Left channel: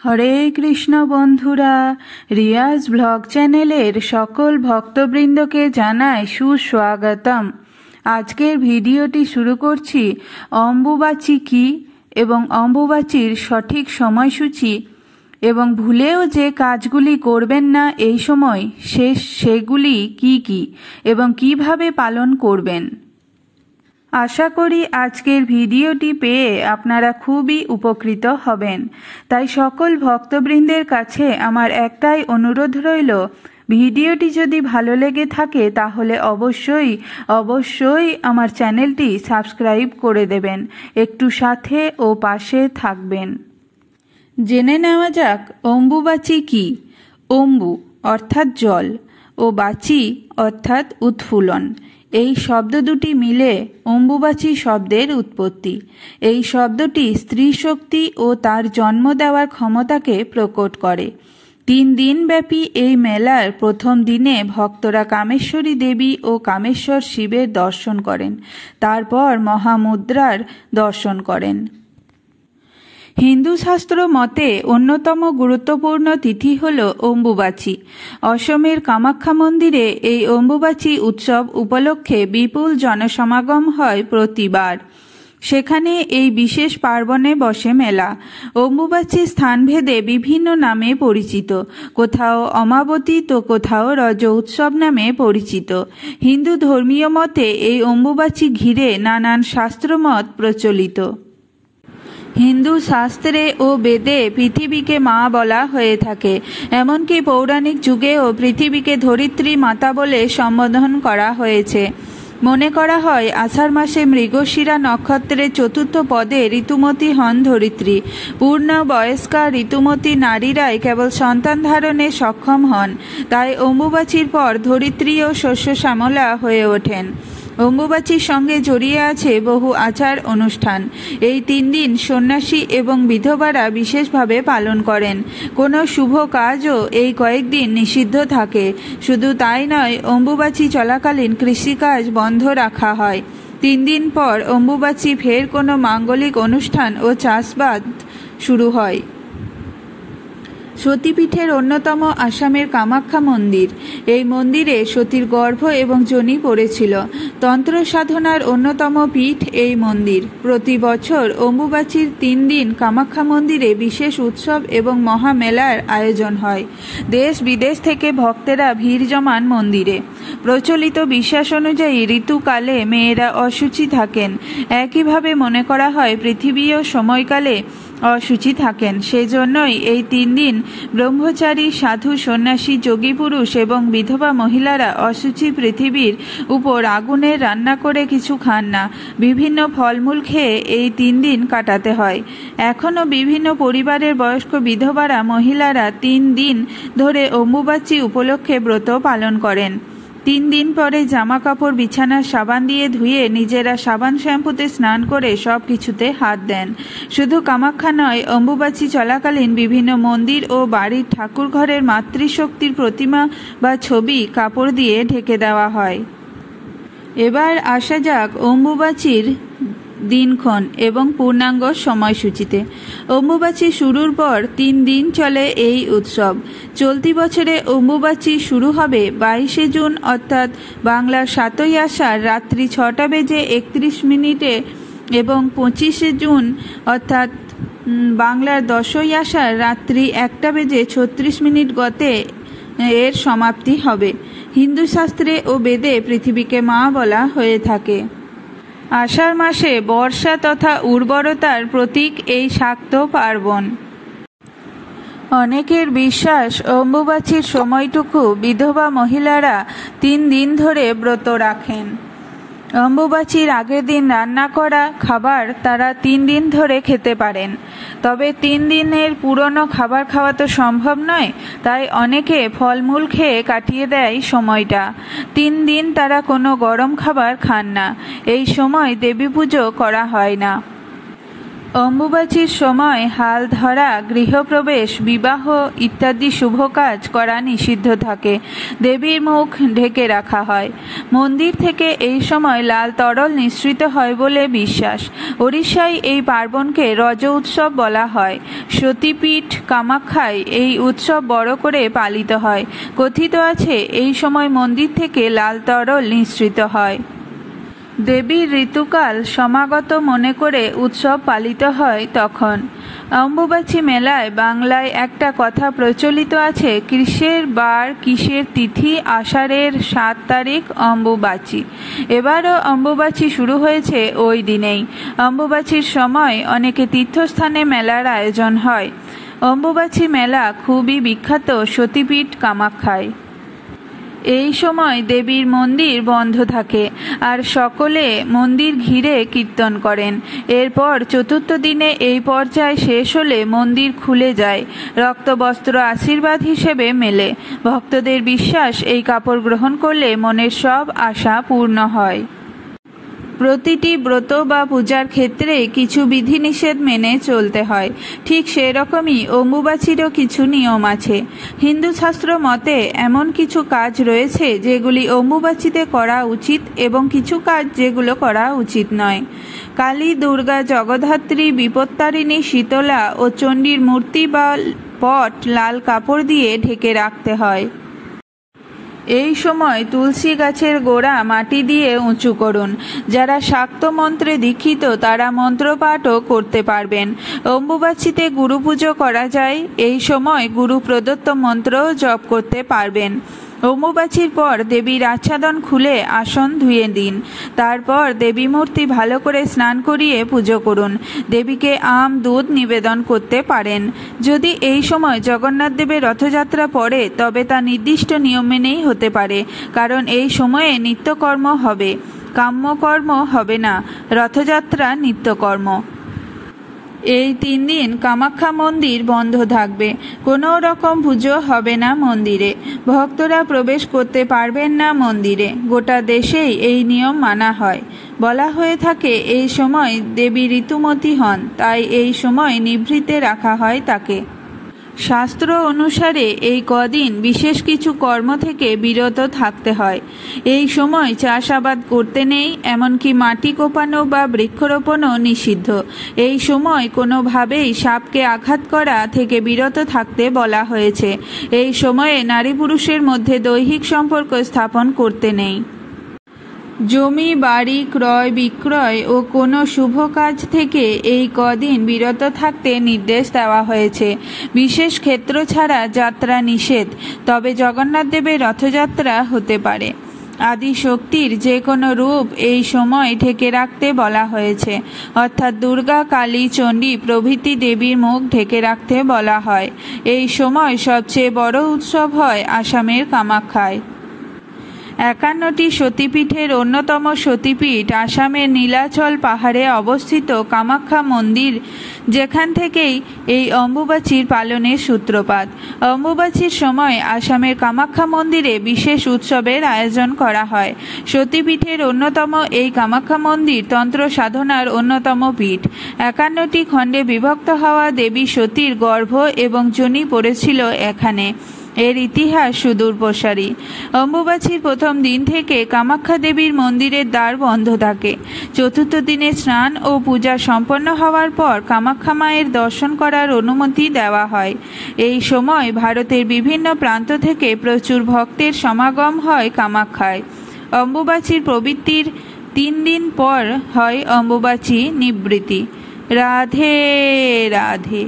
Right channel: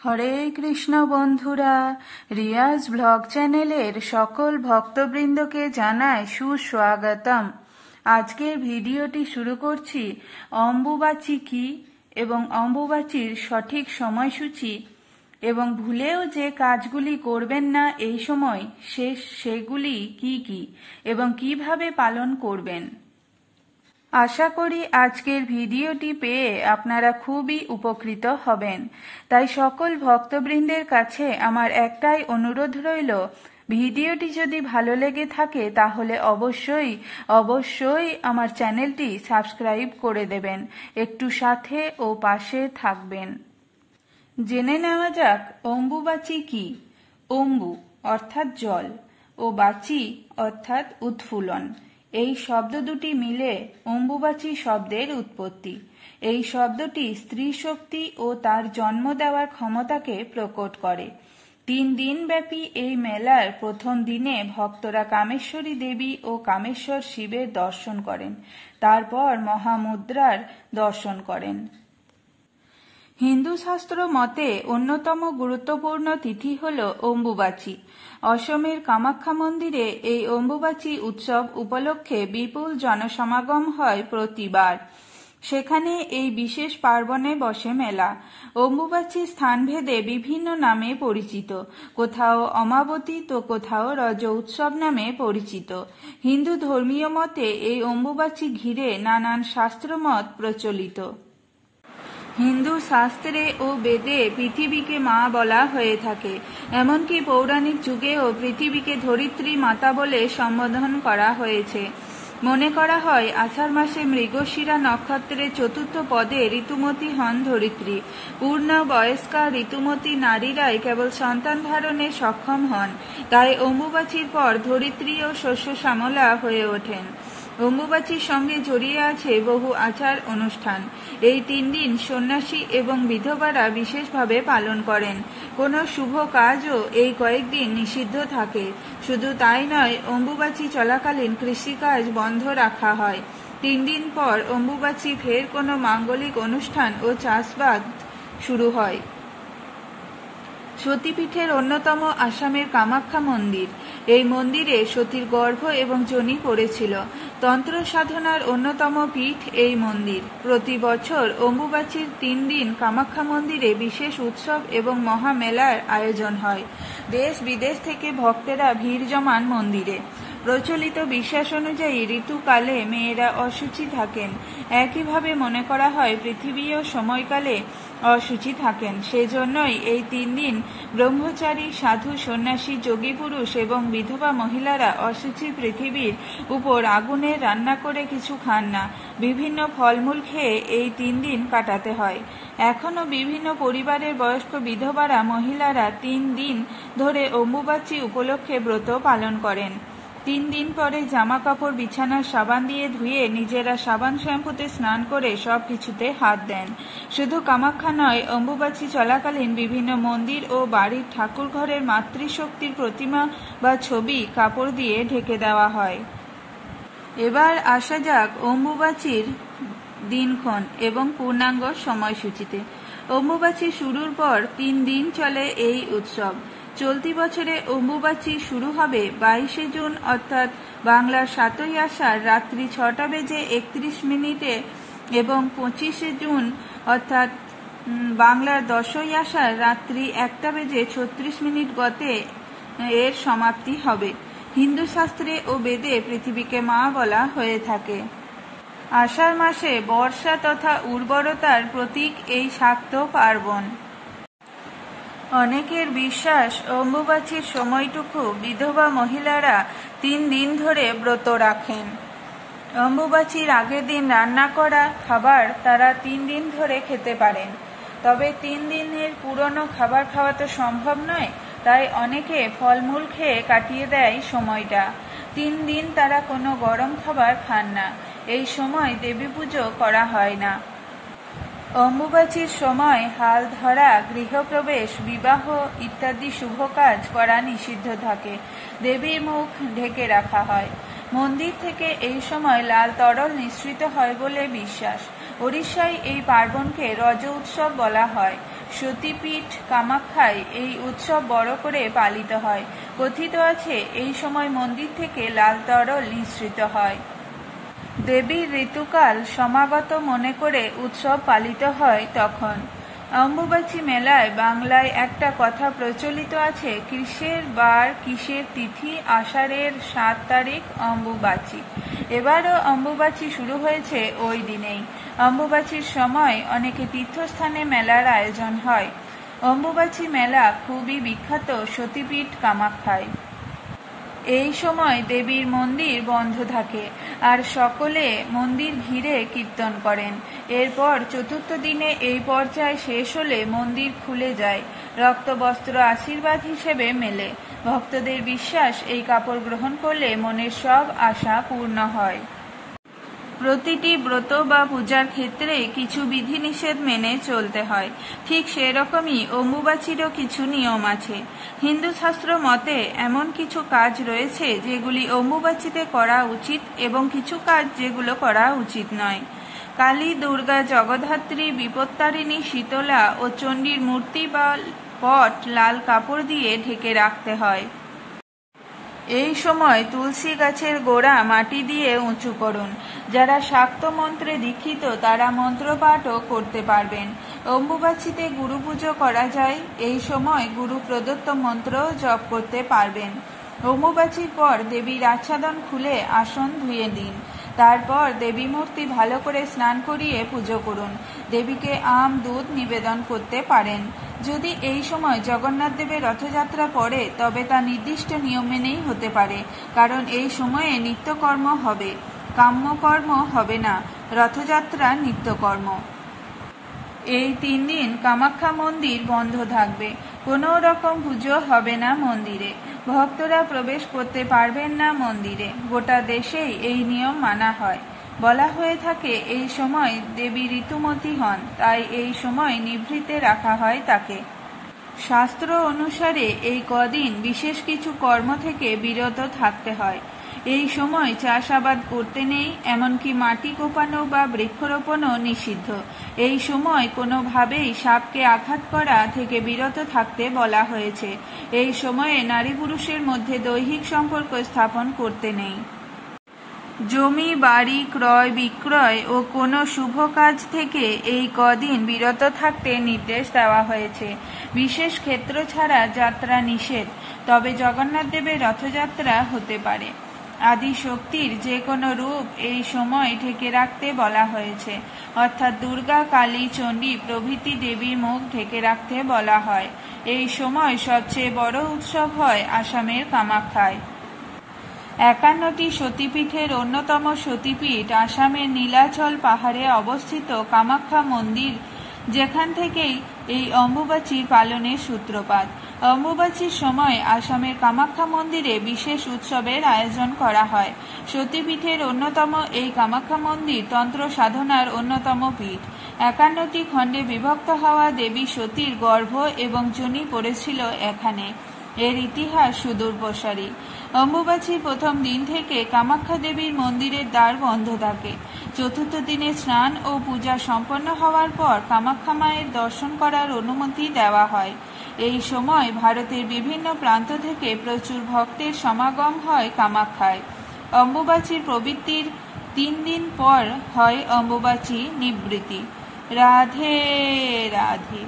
হরে কৃষ্ণ বন্ধুরা, রিয়াজ ব্লগ চ্যানেলের সকল ভক্তবৃন্দকে জানাই সুস্বাগতম। আজকের ভিডিওটি শুরু করছি অম্বুবাচী কি এবং অম্বুবাচীর সঠিক সময়সূচি এবং ভুলেও যে কাজগুলি করবেন না এই সময় সেগুলি কি কি এবং কিভাবে পালন করবেন। আশা করি আজকের ভিডিওটি পেয়ে আপনারা খুবই উপকৃত হবেন। তাই সকল ভক্তবৃন্দের কাছে আমার একটাই অনুরোধ রইল, ভিডিওটি যদি ভালো লেগে থাকে তাহলে অবশ্যই আমার চ্যানেলটি সাবস্ক্রাইব করে দেবেন, একটু সাথে ও পাশে থাকবেন। জেনে নেওয়া যাক অম্বুবাচী কি। অম্বু অর্থাৎ জল ও বাচী অর্থাৎ উৎফুল্লন, এই শব্দ দুটি মিলে অম্বুবাচী শব্দের উৎপত্তি। এই শব্দটি স্ত্রী শক্তি ও তার জন্ম দেওয়ার ক্ষমতাকে প্রকট করে। 3 দিনব্যাপী এই মেলার প্রথম দিনে ভক্তরা কামেশ্বরী দেবী ও কামেশ্বর শিবের দর্শন করেন, তারপর মহামুদ্রার দর্শন করেন। হিন্দু শাস্ত্র মতে অন্যতম গুরুত্বপূর্ণ তিথি হল অম্বুবাচী। অসমের কামাখ্যা মন্দিরে এই অম্বুবাচী উৎসব উপলক্ষে বিপুল জনসমাগম হয় প্রতিবার। সেখানে এই বিশেষ পার্বণে বসে মেলা। অম্বুবাচী স্থানভেদে বিভিন্ন নামে পরিচিত, কোথাও অমাবতী তো কোথাও রজ উৎসব নামে পরিচিত। হিন্দু ধর্মীয় মতে এই অম্বুবাচী ঘিরে নানান শাস্ত্রমত প্রচলিত। হিন্দু শাস্ত্রে ও বেদে পৃথিবীকে মা বলা হয়ে থাকে, এমনকি পৌরাণিক যুগেও পৃথিবীকে ধরিত্রী মাতা বলে সম্বোধন করা হয়েছে। মনে করা হয় আষাঢ় মাসে মৃগশিরা নক্ষত্রের 4র্থ পদে ঋতুমতী হন ধরিত্রী। পূর্ণ বয়স্কা ঋতুমতী নারীরাই কেবল সন্তান ধারণে সক্ষম হন, তাই অম্বুবাচীর পর ধরিত্রীও শস্য শ্যামলা হয়ে ওঠেন। অম্বুবাচীর সঙ্গে জড়িয়ে আছে বহু আচার অনুষ্ঠান। এই 3 দিন সন্ন্যাসী এবং বিধবারা বিশেষভাবে পালন করেন। কোনো শুভ কাজও এই কয়েকদিন নিষিদ্ধ থাকে। শুধু তাই নয়, অম্বুবাচী চলাকালীন কৃষিকাজ বন্ধ রাখা হয়। 3 দিন পর অম্বুবাচী ফের কোনো মাঙ্গলিক অনুষ্ঠান ও চাষবাদ শুরু হয়। সতীপীঠের অন্যতম আসামের কামাখ্যা মন্দির। এই মন্দিরে সতীর গর্ভ এবং যোনি পড়েছিল। তন্ত্র সাধনার অন্যতম পীঠ এই মন্দির। প্রতি বছর অম্বুবাচীর 3 দিন কামাখ্যা মন্দিরে বিশেষ উৎসব এবং মহামেলার আয়োজন হয়। দেশ বিদেশ থেকে ভক্তেরা ভিড় জমান মন্দিরে। প্রচলিত বিশ্বাস অনুযায়ী ঋতুকালে মেয়েরা অশুচি থাকেন। একইভাবে মনে করা হয় পৃথিবীও সময়কালে অশুচি থাকেন। সেজন্যই এই 3 দিন ব্রহ্মচারী, সাধু, সন্ন্যাসী, যোগী পুরুষ এবং বিধবা মহিলারা অশুচি পৃথিবীর উপর আগুনে রান্না করে কিছু খান না। বিভিন্ন ফলমূল খেয়ে এই 3 দিন কাটাতে হয়। এখনও বিভিন্ন পরিবারের বয়স্ক বিধবারা মহিলারা 3 দিন ধরে অম্বুবাচী উপলক্ষে ব্রত পালন করেন। 3 দিন পরে জামা কাপড় বিছানার সাবান দিয়ে ধুয়ে নিজেরা সাবান শ্যাম্পুতে স্নান করে সব কিছুতে হাত দেন। শুধু কামাখ্যা নয়, অম্বুবাচী চলাকালীন বিভিন্ন মন্দির ও বাড়ির ঠাকুর ঘরের মাতৃশক্তির প্রতিমা বা ছবি কাপড় দিয়ে ঢেকে দেওয়া হয়। এবার আসা যাক অম্বুবাচীর দিনক্ষণ এবং পূর্ণাঙ্গ সময়সূচিতে। অম্বুবাচী শুরুর পর 3 দিন চলে এই উৎসব। চলতি বছরে অম্বুবাচী শুরু হবে 22শে জুন অর্থাৎ বাংলার 7ই আষাঢ় রাত্রি 6:31 এবং 25শে জুন অর্থাৎ বাংলার 10ই আষাঢ় রাত্রি 1:36 গতে এর সমাপ্তি হবে। হিন্দু শাস্ত্রে ও বেদে পৃথিবীকে মা বলা হয়ে থাকে। আষাঢ় মাসে বর্ষা তথা উর্বরতার প্রতীক এই শাক্ত পার্বণ। অনেকের বিশ্বাস অম্বুবাচীর সময়টুকু বিধবা মহিলারা 3 দিন ধরে ব্রত রাখেন। অম্বুবাচীর আগের দিন রান্না করা খাবার তারা 3 দিন ধরে খেতে পারেন। তবে 3 দিনের পুরনো খাবার খাওয়া তো সম্ভব নয়, তাই অনেকে ফলমূল খেয়ে কাটিয়ে দেয় সময়টা। 3 দিন তারা কোনো গরম খাবার খান না। এই সময় দেবী পুজো করা হয় না। অম্বুবাচীর সময় হাল ধরা, গৃহপ্রবেশ, বিবাহ ইত্যাদি শুভ কাজ করা নিষিদ্ধ থাকে। দেবীর মুখ ঢেকে রাখা হয়। মন্দির থেকে এই সময় লাল তরল নিঃসৃত হয় বলে বিশ্বাস। ওড়িশায় এই পার্বণকে রজ উৎসব বলা হয়। সতীপীঠ কামাখ্যায় এই উৎসব বড় করে পালিত হয়। কথিত আছে এই সময় মন্দির থেকে লাল তরল নিঃসৃত হয়। দেবীর ঋতুকাল সমাগত মনে করে উৎসব পালিত হয় তখন। অম্বুবাচী মেলায় বাংলায় একটা কথা প্রচলিত আছে, কিসের বার কিসের তিথি, আষাঢ়ের 7 তারিখ অম্বুবাচী। এবারও অম্বুবাচী শুরু হয়েছে ওই দিনেই। অম্বুবাচীর সময় অনেকে তীর্থস্থানে মেলার আয়োজন হয়। অম্বুবাচী মেলা খুবই বিখ্যাত সতীপীঠ কামাখ্যায়। এই সময় দেবীর মন্দির বন্ধ থাকে আর সকলে মন্দির ঘিরে কীর্তন করেন। এরপর চতুর্থ দিনে এই পর্যায় শেষ হলে মন্দির খুলে যায়। রক্তবস্ত্র আশীর্বাদ হিসেবে মেলে। ভক্তদের বিশ্বাস এই কাপড় গ্রহণ করলে মনের সব আশা পূর্ণ হয়। প্রতিটি ব্রত বা পূজার ক্ষেত্রে কিছু বিধিনিষেধ মেনে চলতে হয়। ঠিক সেরকমই অম্বুবাচীরও কিছু নিয়ম আছে। হিন্দু শাস্ত্র মতে এমন কিছু কাজ রয়েছে যেগুলি অম্বুবাচীতে করা উচিত এবং কিছু কাজ যেগুলো করা উচিত নয়। কালী, দুর্গা, জগদ্ধাত্রী, বিপত্তারিণী, শীতলা ও চণ্ডীর মূর্তি বা পট লাল কাপড় দিয়ে ঢেকে রাখতে হয়। এই সময় তুলসী গাছের গোড়া মাটি দিয়ে উঁচু করুন। যারা শাক্ত মন্ত্রে দীক্ষিত তারা মন্ত্রপাঠও করতে পারবেন। অম্বুবাচীতে গুরু পুজো করা যায়। এই সময় গুরু প্রদত্ত মন্ত্রও জপ করতে পারবেন। অম্বুবাচীর পর দেবীর আচ্ছাদন খুলে আসন ধুয়ে দিন। তারপর দেবী মূর্তি ভালো করে স্নান করিয়ে পুজো করুন। দেবীকে আম দুধ নিবেদন করতে পারেন। যদি এই সময় জগন্নাথ দেবের রথযাত্রা পড়ে তবে তা নির্দিষ্ট নিয়ম মেনেই হতে পারে, কারণ এই সময়ে নিত্যকর্ম হবে, কাম্যকর্ম হবে না। রথযাত্রা নিত্যকর্ম। এই 3 দিন কামাখ্যা মন্দির বন্ধ থাকবে। কোনো রকম পুজো হবে না মন্দিরে। ভক্তরা প্রবেশ করতে পারবেন না মন্দিরে। গোটা দেশেই এই নিয়ম মানা হয়। বলা হয়ে থাকে এই সময় দেবী ঋতুমতী হন, তাই এই সময় নিভৃতে রাখা হয় তাকে। শাস্ত্র অনুসারে এই কদিন বিশেষ কিছু কর্ম থেকে বিরত থাকতে হয়। এই সময় চাষাবাদ করতে নেই, এমনকি মাটি কোপানো বা বৃক্ষরোপণও নিষিদ্ধ। এই সময় কোনোভাবেই সাপকে আঘাত করা থেকে বিরত থাকতে বলা হয়েছে। এই সময়ে নারী পুরুষের মধ্যে দৈহিক সম্পর্ক স্থাপন করতে নেই। জমি বাড়ি ক্রয় বিক্রয় ও কোনো শুভ কাজ থেকে এই কদিন বিরত থাকতে নির্দেশ দেওয়া হয়েছে। বিশেষ ক্ষেত্র ছাড়া যাত্রা নিষেধ, তবে জগন্নাথ দেবের রথযাত্রা হতে পারে। আদি শক্তির যে কোনো রূপ এই সময় ঢেকে রাখতে বলা হয়েছে, অর্থাৎ দুর্গা, কালী, চণ্ডী প্রভৃতি দেবীর মুখ ঢেকে রাখতে বলা হয়। এই সময় সবচেয়ে বড় উৎসব হয় আসামের কামাখ্যায়। 51টি সতীপীঠের অন্যতম সতীপীঠ আসামের নীলাচল পাহাড়ে অবস্থিত কামাখ্যা মন্দির, যেখান থেকেই এই অম্বুবাচীর পালনের সূত্রপাত। অম্বুবাচীর সময় আসামের কামাখ্যা মন্দিরে বিশেষ উৎসবের আয়োজন করা হয়। সতীপীঠের অন্যতম এই কামাখ্যা মন্দির তন্ত্র সাধনার অন্যতম পীঠ। 51টি খণ্ডে বিভক্ত হওয়া দেবী সতীর গর্ভ এবং যোনি পড়েছিল এখানে। এর ইতিহাস সুদূর প্রসারী। অম্বুবাচীর প্রথম দিন থেকে কামাখ্যা দেবীর মন্দিরের দ্বার বন্ধ থাকে। চতুর্থ দিনে স্নান ও পূজা সম্পন্ন হওয়ার পর কামাখ্যা মায়ের দর্শন করার অনুমতি দেওয়া হয়। এই সময় ভারতের বিভিন্ন প্রান্ত থেকে প্রচুর ভক্তের সমাগম হয় কামাখ্যায়। অম্বুবাচীর প্রবৃত্তির 3 দিন পর হয় অম্বুবাচী নিবৃত্তি। রাধে রাধে।